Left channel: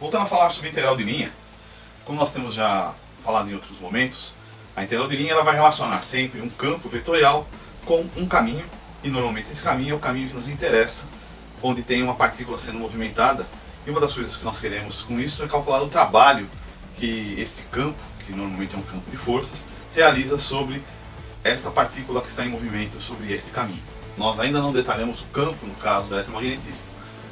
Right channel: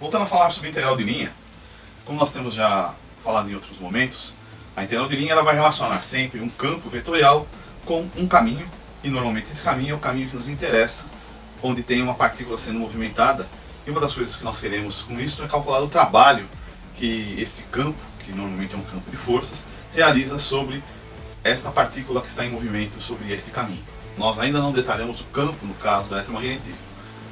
Voltando a falar sobre integral de linha, como nós temos já falado em outros momentos, a integral de linha ela vai relacionar sempre um campo vetorial com um caminho, e normalmente esse caminho é o caminho que nos interessa, onde tem uma partícula sendo movimentada, e uma das coisas que nós queremos com isso é calcular o trabalho que esse campo, que normalmente é um campo de forças, realiza sobre esta partícula que está em movimento sobre este caminho. Nós ainda não detalhamos o campo no caso do eletromagnetismo.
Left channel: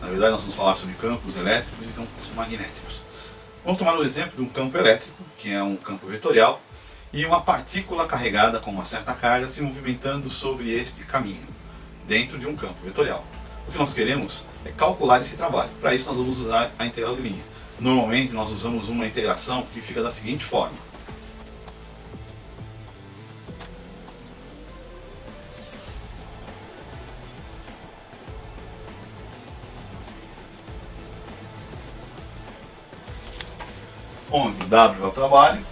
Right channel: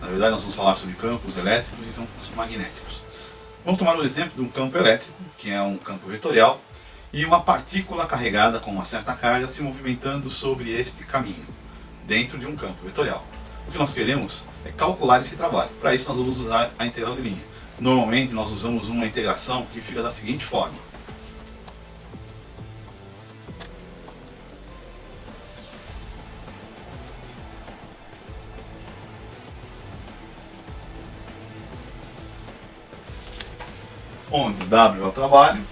Na verdade, nós vamos falar sobre campos elétricos e campos magnéticos. Vamos tomar o exemplo de um campo elétrico, que é um campo vetorial, e uma partícula carregada com uma certa carga se movimentando sobre este caminho, dentro de um campo vetorial. O que nós queremos é calcular esse trabalho. Para isso, nós vamos usar a integral de linha. Normalmente, nós usamos uma integração que fica da seguinte forma. Onde W é o trabalho,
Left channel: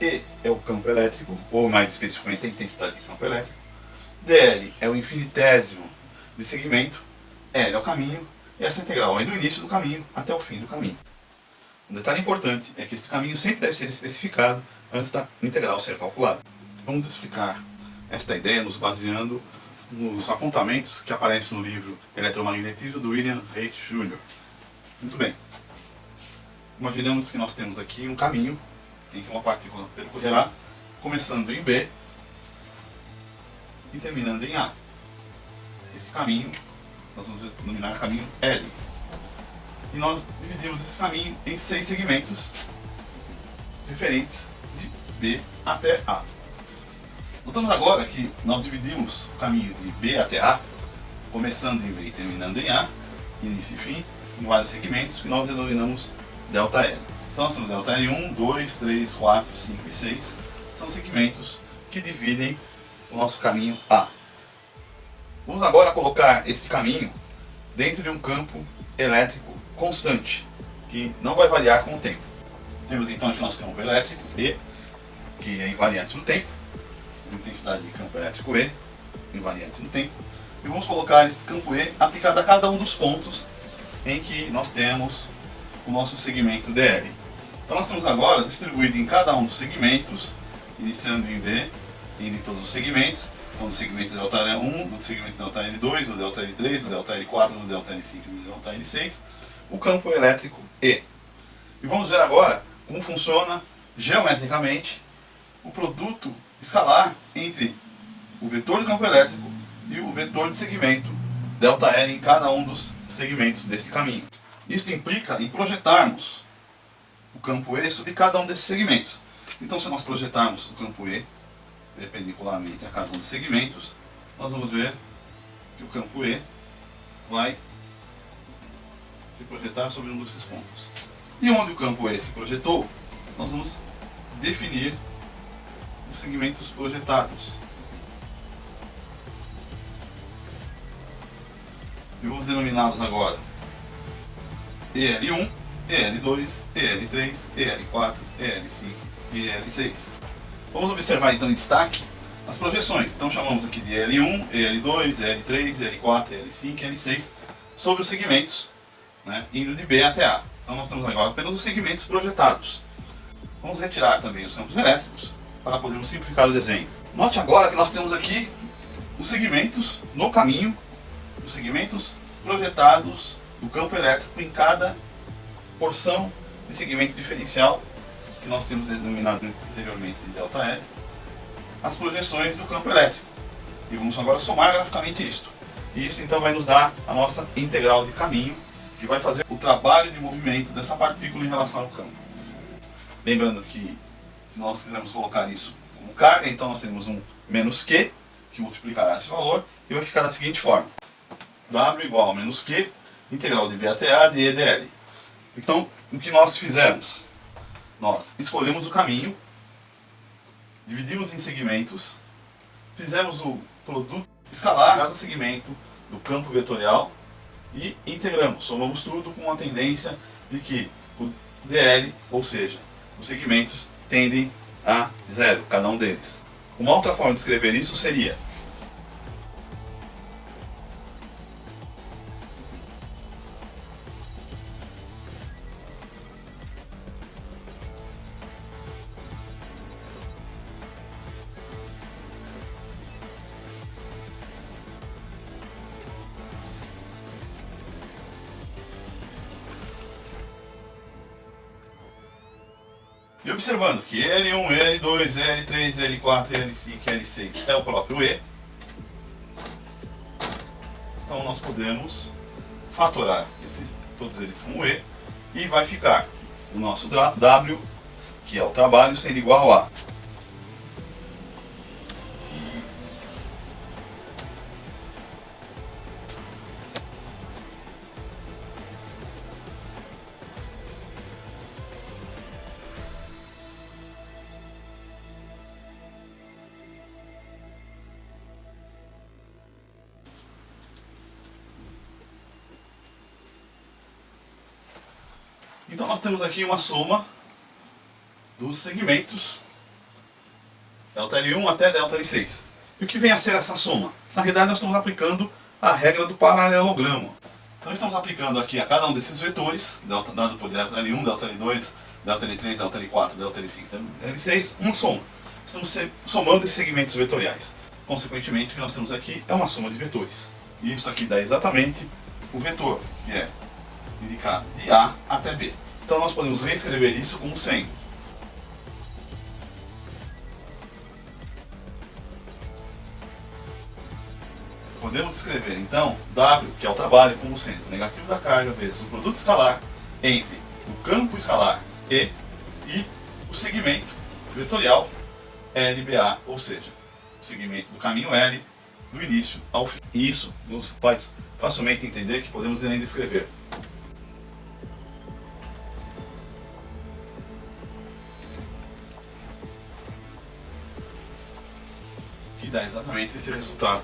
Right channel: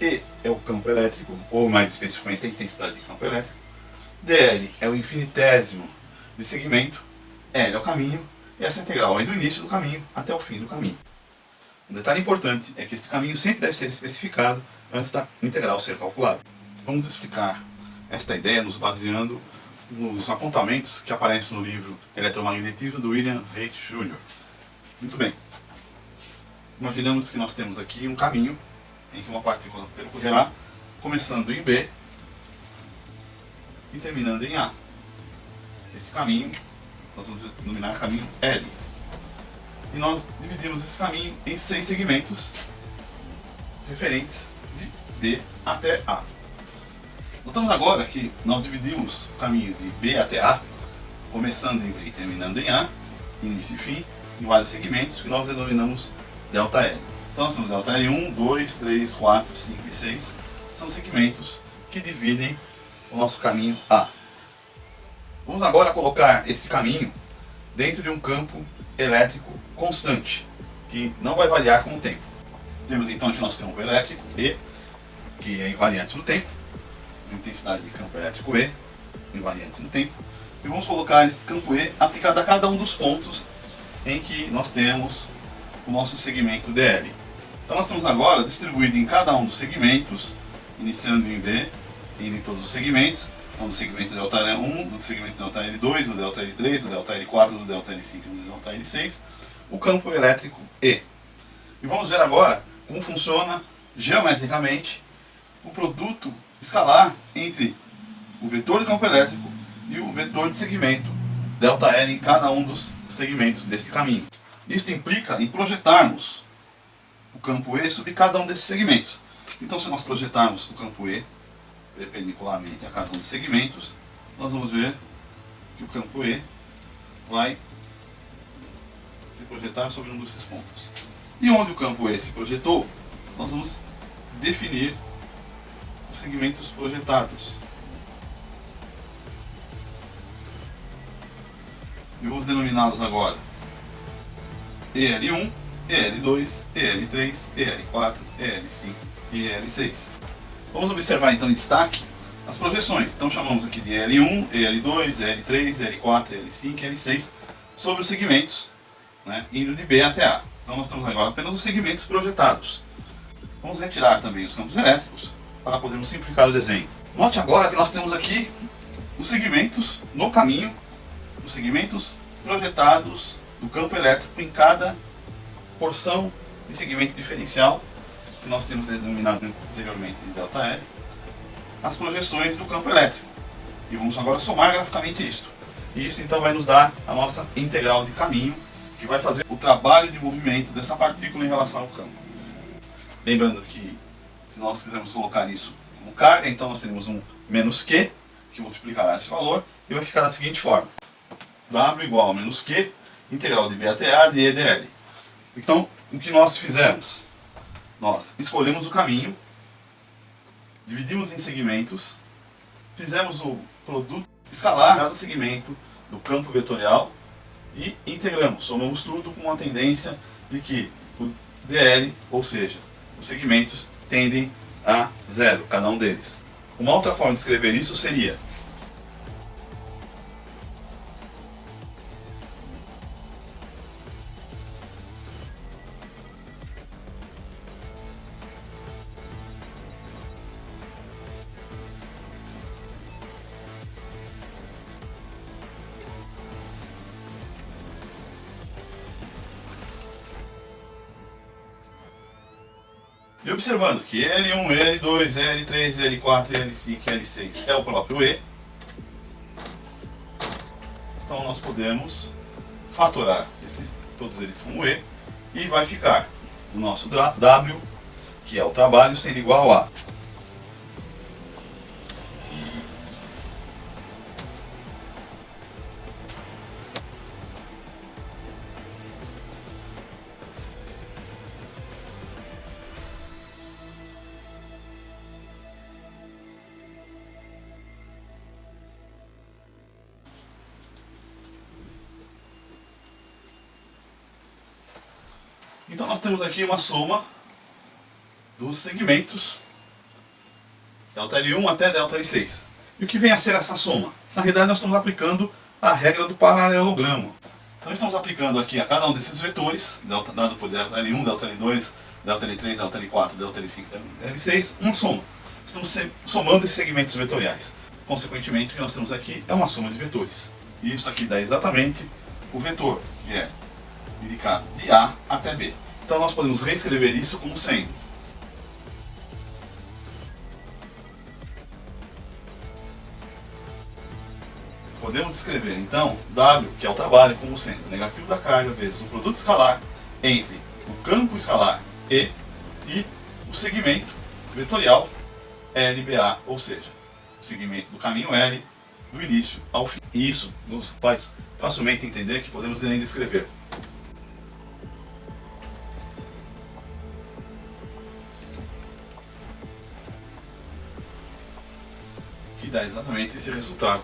E é o campo elétrico, ou mais especificamente a intensidade de campo elétrico, dl é o infinitésimo de segmento, L é o caminho, e essa integral é do início do caminho até o fim do caminho. Um detalhe importante é que este caminho sempre deve ser especificado antes da integral ser calculada. Vamos explicar esta ideia nos baseando nos apontamentos que aparecem no livro Eletromagnetismo do William Reich Jr. Muito bem. Imaginamos que nós temos aqui um caminho em que uma partícula percorrerá, começando em B e terminando em A. Esse caminho, nós vamos denominar caminho L. E nós dividimos esse caminho em 6 segmentos referentes de B até A. Notamos agora que nós dividimos o caminho de B até A, começando em B e terminando em A, início e fim, em vários segmentos que nós denominamos ΔL. Então nós temos ΔL 1, 2, 3, 4, 5 e 6. São segmentos que dividem o nosso caminho A. Vamos agora colocar esse caminho dentro de um campo elétrico constante, que não vai variar com o tempo. Temos então aqui nosso campo elétrico E, que é invariante no tempo, intensidade de campo elétrico E, invariante no tempo. E vamos colocar esse campo E aplicado a cada um dos pontos em que nós temos o nosso segmento dl. Então nós temos agora distribuído em cada um dos segmentos, iniciando em B, indo em todos os segmentos, do segmento ΔL1, do segmento ΔL2, do ΔL3, do ΔL4, do ΔL5 e do ΔL6, o campo elétrico E. E vamos ver agora como funciona geometricamente o produto escalar entre o vetor de campo elétrico e o vetor de segmento ΔL em cada um dos segmentos deste caminho. Isso implica em projetarmos o campo E sobre cada um desses segmentos. Então, se nós projetarmos o campo E perpendicularmente a cada um dos segmentos, nós vamos ver que o campo E vai se projetar sobre um desses pontos. E onde o campo E se projetou, nós vamos definir os segmentos projetados. E vamos denominá-los agora EL1, EL2, EL3, EL4, EL5 e EL6. Vamos observar então em destaque as projeções. Então chamamos aqui de EL1, EL2, EL3, EL4, EL5 e EL6 sobre os segmentos, né, indo de B até A. Então nós temos agora apenas os segmentos projetados. Vamos retirar também os campos elétricos para podermos simplificar o desenho. Note agora que nós temos aqui os segmentos no caminho, os segmentos projetados do campo elétrico em cada porção de segmento diferencial que nós temos denominado anteriormente de ΔL, as projeções do campo elétrico. E vamos agora somar graficamente isto. E isso então vai nos dar a nossa integral de caminho, que vai fazer o trabalho de movimento dessa partícula em relação ao campo. Lembrando que se nós quisermos colocar isso como carga, então nós temos um menos Q, que multiplicará esse valor, e vai ficar da seguinte forma. W igual a menos Q, integral de B até A de E dl. Então, o que nós fizemos? Nós escolhemos o caminho, dividimos em segmentos, fizemos o produto escalar cada segmento do campo vetorial e integramos, somamos tudo com a tendência de que o dl, ou seja, os segmentos tendem a zero, cada um deles. Uma outra forma de escrever isso seria E observando que L1, L2, L3, L4, L5 e L6 é o próprio E, então nós podemos fatorar todos eles com E e vai ficar o nosso W, que é o trabalho, sendo igual a. Então nós temos aqui uma soma dos segmentos ΔL1 até ΔL6. E o que vem a ser essa soma? Na realidade nós estamos aplicando a regra do paralelogramo. Então estamos aplicando aqui a cada um desses vetores, dado por ΔL1, ΔL2, ΔL3, ΔL4, ΔL5 e ΔL6, uma soma. Estamos somando esses segmentos vetoriais. Consequentemente, o que nós temos aqui é uma soma de vetores. E isso aqui dá exatamente o vetor, que é indicar de A até B. Então nós podemos reescrever isso como sendo podemos escrever então W, que é o trabalho, como sendo o negativo da carga vezes o produto escalar entre o campo escalar E e o segmento vetorial LBA, ou seja, o segmento do caminho L do início ao fim. E isso nos faz facilmente entender que podemos ainda escrever que dá exatamente esse resultado.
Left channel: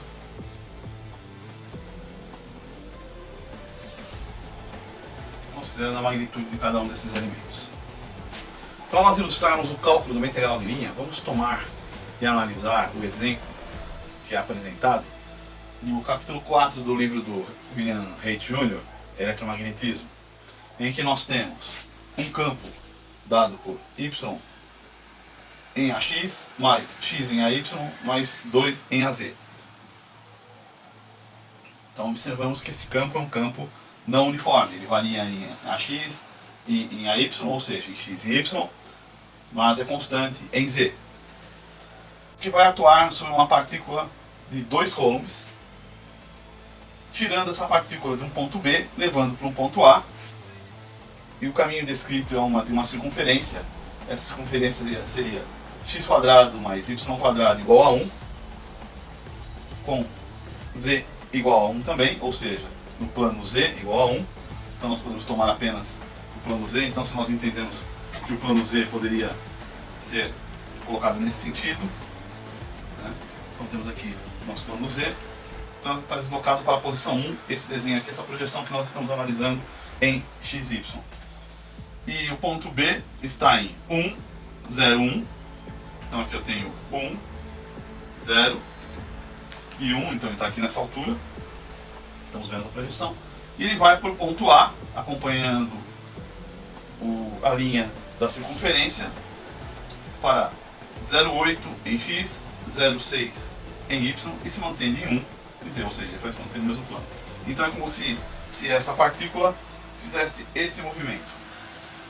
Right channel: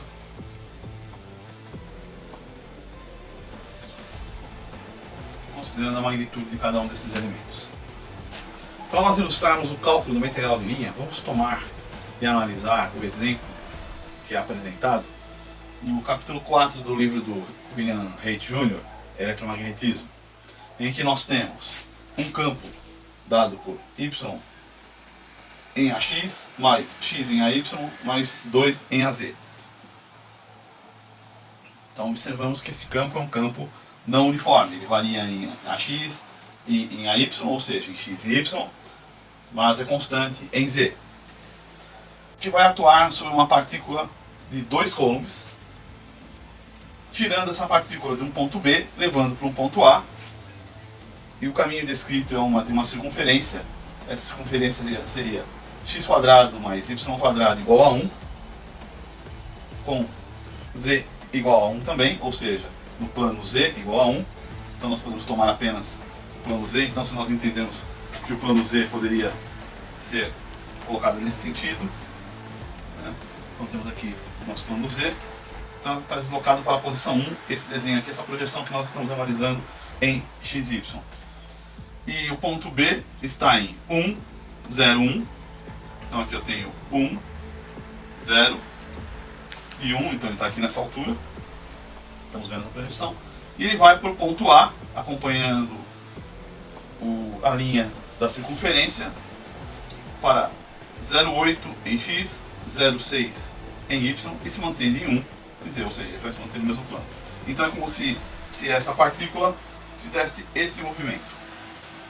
Considerando a magnitude de cada um desses elementos. Para nós ilustrarmos o cálculo do integral de linha, vamos tomar e analisar o exemplo que é apresentado no capítulo 4 do livro do William Reit Jr., Eletromagnetismo, em que nós temos um campo dado por Y em AX, mais X em AY, mais 2 em AZ. Então observamos que esse campo é um campo não uniforme, ele varia em AX e em AY, ou seja, em X e Y, mas é constante em Z, que vai atuar sobre uma partícula de 2 coulombs, tirando essa partícula de um ponto B, levando para um ponto A, e o caminho descrito é de uma circunferência. Essa circunferência seria x² mais y² igual a 1, com Z igual a 1 também, ou seja, no plano Z igual a 1, então nós podemos tomar apenas o plano Z. Então, se nós entendemos que o plano Z poderia ser colocado nesse sentido, né? Então temos aqui o nosso plano Z, então está deslocado para a posição 1, esse desenho aqui, essa projeção que nós estamos analisando em XY. E o ponto B está em 1, 0, 1, então aqui eu tenho 1, 0 e 1, então ele está aqui nessa altura. Estamos vendo a projeção. E ele vai para o ponto A, acompanhando a linha da circunferência, para 0,8 em X, 0,6 em Y e se mantém em 1, quer dizer, ou seja, ele vai se manter no mesmo plano. Então é como se essa partícula fizesse esse movimento.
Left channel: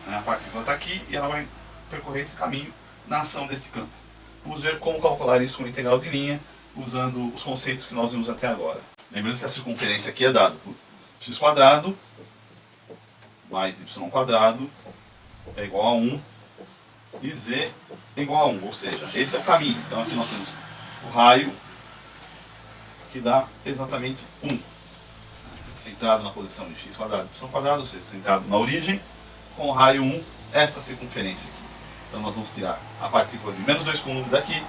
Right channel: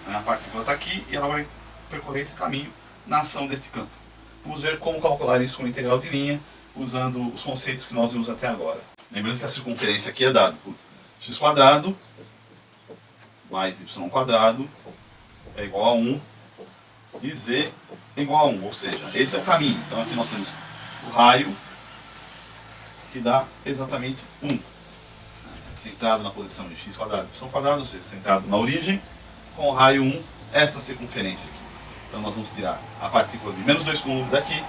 A partícula está aqui e ela vai percorrer esse caminho na ação deste campo. Vamos ver como calcular isso com integral de linha, usando os conceitos que nós vimos até agora. Lembrando que a circunferência aqui é dada por x² mais y² é igual a 1 e z é igual a 1, ou seja, esse é o caminho. Então aqui nós temos o raio, que dá exatamente 1, centrado na posição de x² y², ou seja, centrado na origem, com o raio 1, esta circunferência aqui. Então nós vamos tirar a partícula de menos 2 coulombs daqui,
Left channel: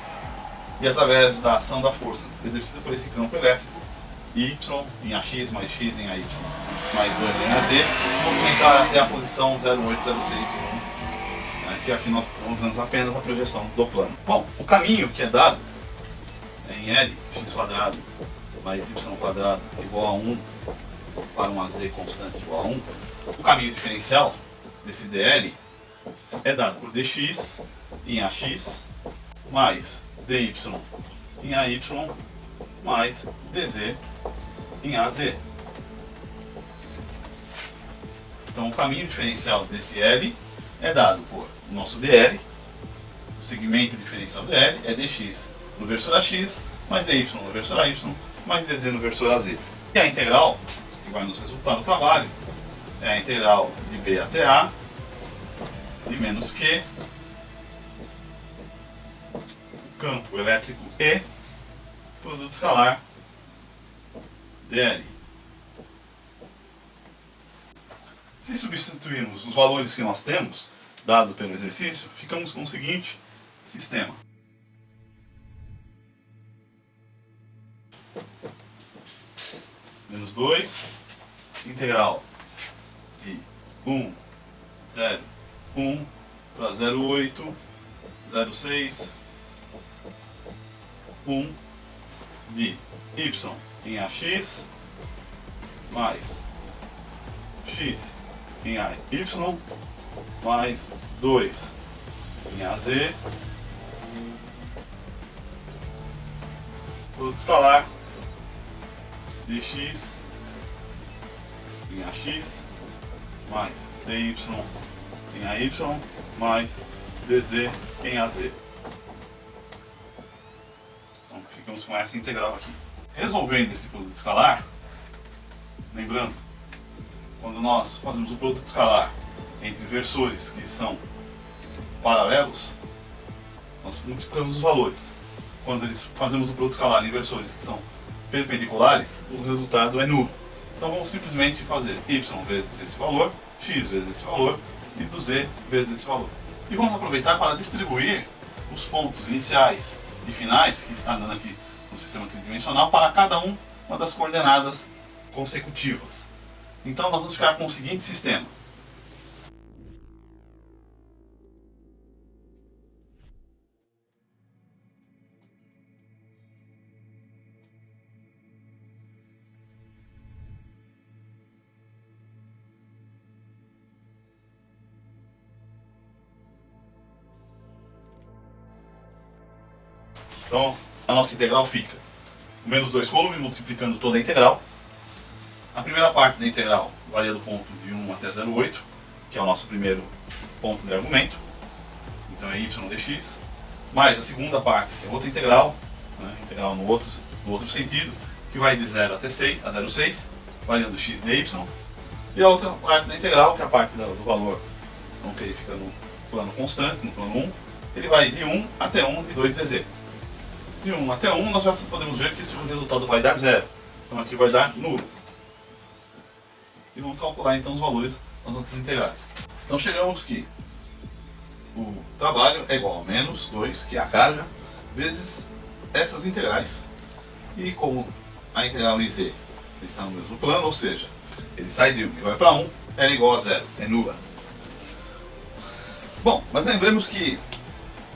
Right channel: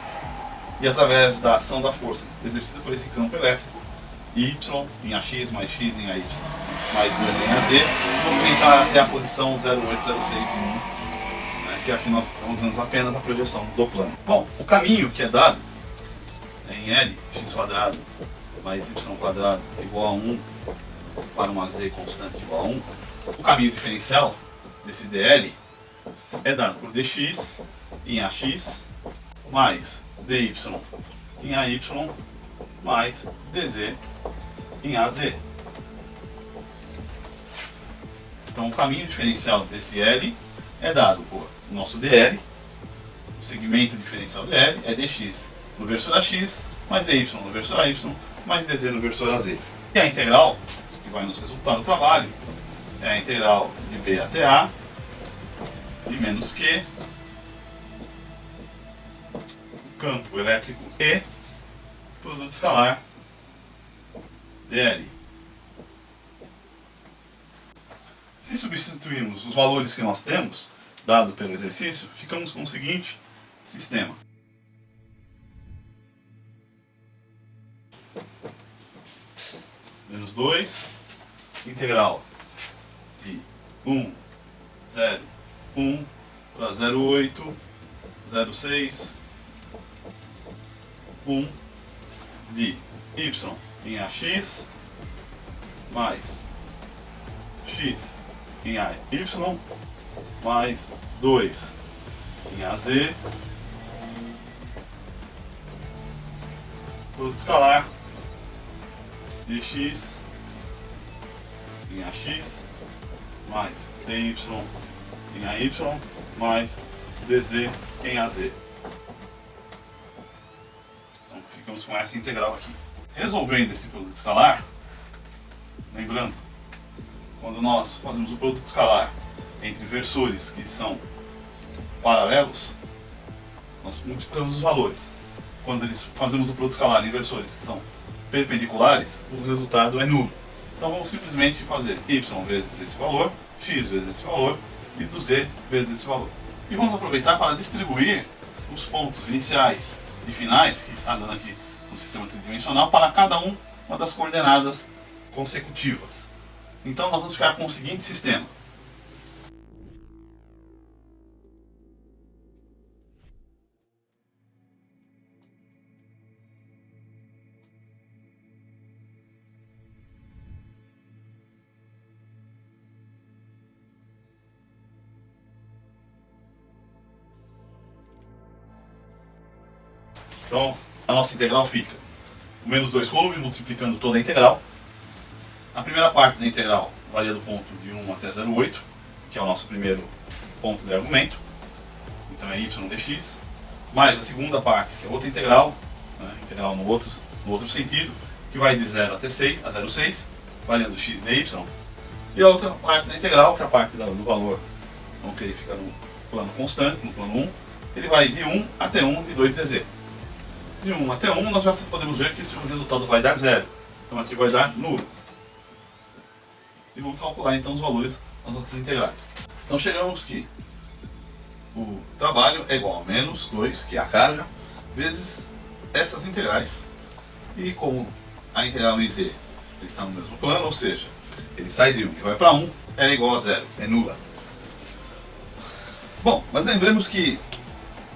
e através da ação da força exercida por esse campo elétrico, Y em AX mais X em AY mais 2 em AZ, movimentar até a posição 0,8, 0,6 e 1, que aqui nós estamos usando apenas a projeção do plano. Bom, o caminho que é dado em L, x² mais y² igual a 1 para um AZ constante igual a 1, o caminho diferencial desse DL é dado por dx em AX mais dy em AY mais dz em AZ. Então o caminho diferencial desse L é dado por nosso dl, o segmento diferencial dl é dx no versor a x, mais dy no versor a y, mais dz no versor a z. E a integral, que vai nos resultar do trabalho, é a integral de b até a, de menos q, campo elétrico E, produto escalar, dl. Se substituirmos os valores que nós temos, dado pelo exercício, ficamos com o seguinte sistema. Menos 2, integral de 1, 0, 1 para 0,8, 0,6, 1 de y em ax mais x em AY mais 2 em AZ, produto escalar dx em AX mais dy em AY mais dz em AZ. Então ficamos com essa integral aqui. Resolvendo esse produto escalar, lembrando, quando nós fazemos o produto escalar entre versores que são paralelos, nós multiplicamos os valores. Quando fazemos o produto escalar em versores que são perpendiculares, o resultado é nulo. Então vamos simplesmente fazer y vezes esse valor, x vezes esse valor e do z vezes esse valor. E vamos aproveitar para distribuir os pontos iniciais e finais que está dando aqui no sistema tridimensional para cada uma das coordenadas consecutivas. Então nós vamos ficar com o seguinte sistema. Então a nossa integral fica menos 2 côlumes multiplicando toda a integral. A primeira parte da integral varia do ponto de 1 até 0,8, que é o nosso primeiro ponto de argumento. Então é y dx. Mais a segunda parte, que é outra integral, né, integral no outro sentido, que vai de 0 até 6, a 0,6, variando x de y. E a outra parte da integral, que é a parte do valor, então, que ele fica no plano constante, no plano 1, ele vai de 1 até 1 de 2dz. De 1 até 1 nós já podemos ver que esse resultado vai dar 0. Então aqui vai dar nulo. E vamos calcular então os valores das outras integrais. Então chegamos que o trabalho é igual a menos 2, que é a carga, vezes essas integrais. E como a integral em z está no mesmo plano, ou seja, ele sai de 1 e vai para 1, é igual a 0, é nula. Bom, mas lembremos que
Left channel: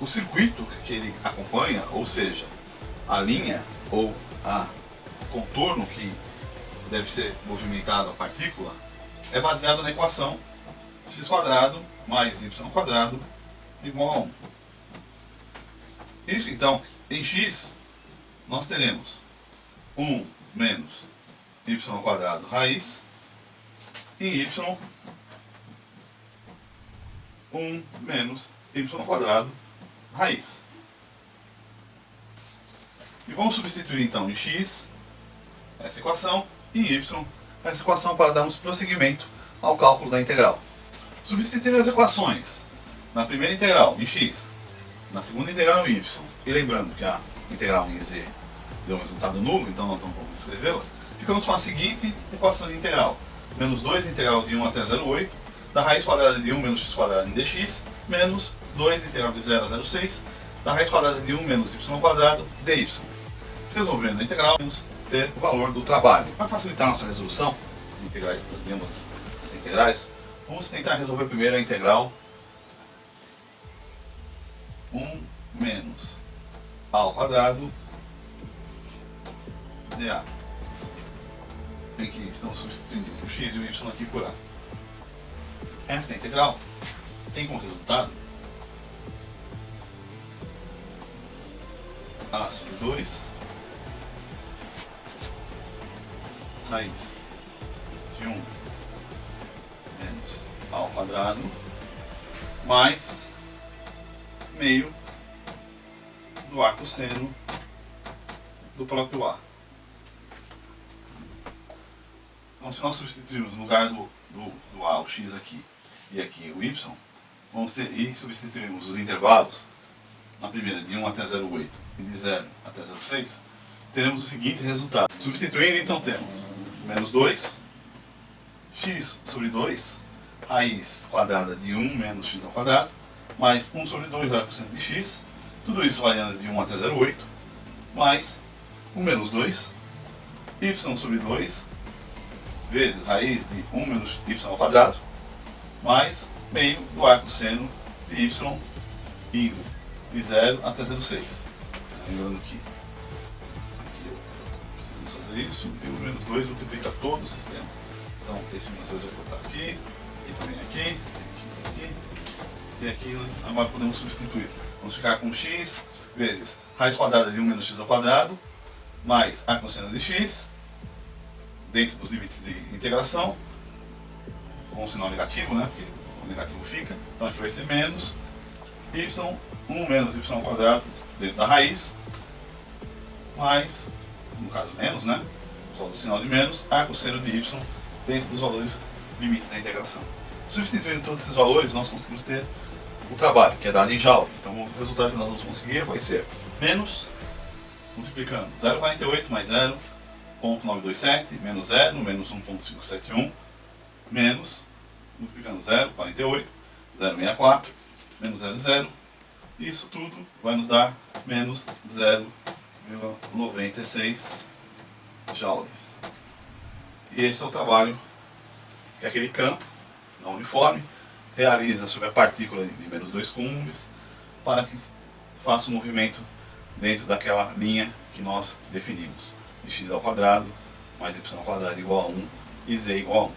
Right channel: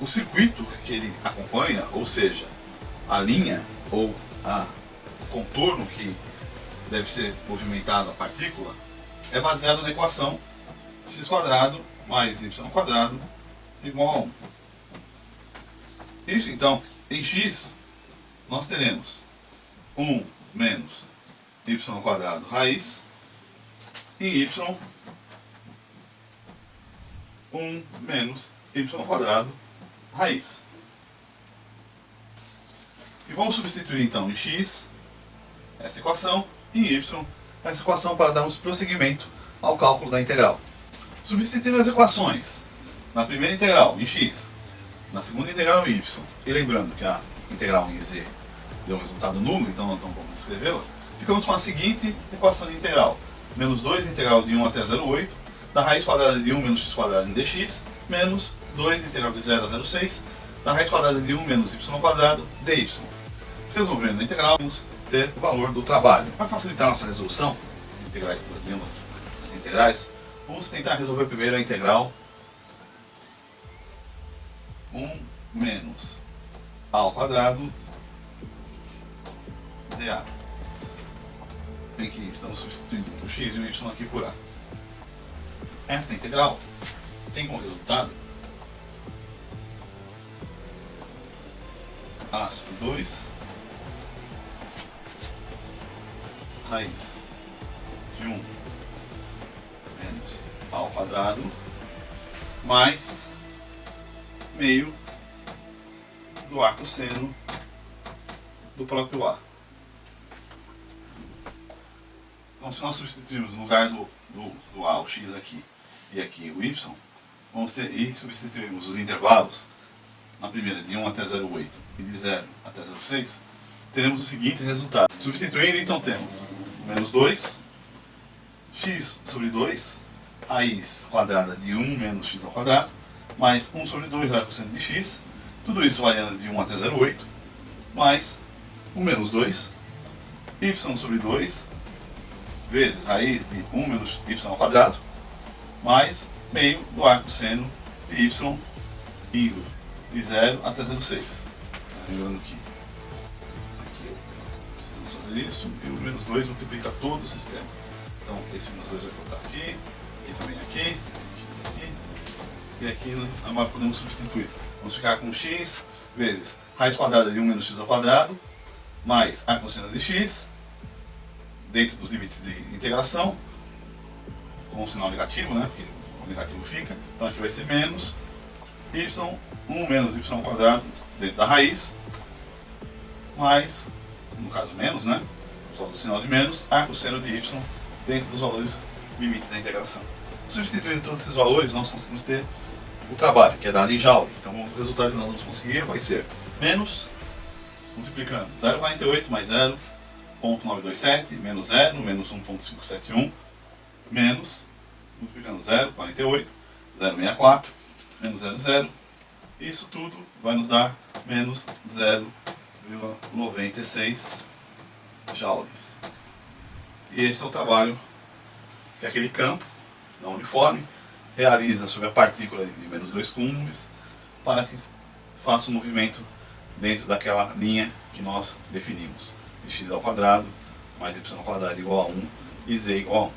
o circuito que ele acompanha, ou seja, a linha ou o contorno que deve ser movimentado a partícula, é baseado na equação x² mais y² igual a 1. Isso então, em x, nós teremos 1 menos y² raiz, em y, 1 menos y² raiz. E vamos substituir então em x essa equação e em y essa equação para darmos prosseguimento ao cálculo da integral. Substituindo as equações na primeira integral em x, na segunda integral em y, e lembrando que a integral em z deu um resultado nulo, então nós não vamos escrevê-la, ficamos com a seguinte equação de integral: menos 2 integral de 1 até 0,8 da raiz quadrada de 1 menos x² em dx, menos 2 integral de 0 a 0,6 da raiz quadrada de 1 menos y² dy. Resolvendo a integral, vamos ter o valor do trabalho. Para facilitar a nossa resolução, as integrais, vamos tentar resolver primeiro a integral 1 menos a ao quadrado dA. Bem que estamos substituindo o x e o y aqui por a. Esta integral tem como resultado a sobre 2 raiz de 1 menos a ao quadrado mais meio do ar cosseno do próprio A. Então, se nós substituirmos no lugar do A o x aqui e aqui o y, vamos ter, e substituirmos os intervalos, na primeira de 1 até 0,8 e de 0 até 0,6, teremos o seguinte resultado. Substituindo, então, temos menos 2, x sobre 2, raiz quadrada de 1 menos x ao quadrado, mais 1 sobre 2 ar cosseno de x, tudo isso variando de 1 até 0,8, mais o menos 2, y sobre 2, vezes raiz de 1 menos y ao quadrado, mais meio do ar cosseno de y indo de 0 até 0,6. Lembrando que aqui precisamos fazer isso, e o menos 2 multiplica todo o sistema. Então esse menos 2 vai voltar aqui, aqui também aqui, e aqui agora podemos substituir. Vamos ficar com x vezes raiz quadrada de 1 menos x ao quadrado, mais a cosseno de x, dentro dos limites de integração, com o sinal negativo, né? Porque o negativo fica. Então aqui vai ser menos y, 1 menos y ao quadrado dentro da raiz, mais, no caso menos, né? Só do sinal de menos, a cosseno de y dentro dos valores limites da integração. Substituindo todos esses valores, nós conseguimos ter o trabalho, que é dado em Joule. Então o resultado que nós vamos conseguir vai ser menos, multiplicando 0,48 mais 0,927, menos 0, menos 1,571, menos, multiplicando 0,48, 0,64, menos 0,0. Isso tudo vai nos dar menos 0,96 joules. E esse é o trabalho que aquele campo não uniforme realiza sobre a partícula de menos 2 coulombs para que faça um movimento dentro daquela linha que nós definimos, de x ao quadrado mais y ao quadrado igual a 1 e z igual a 1.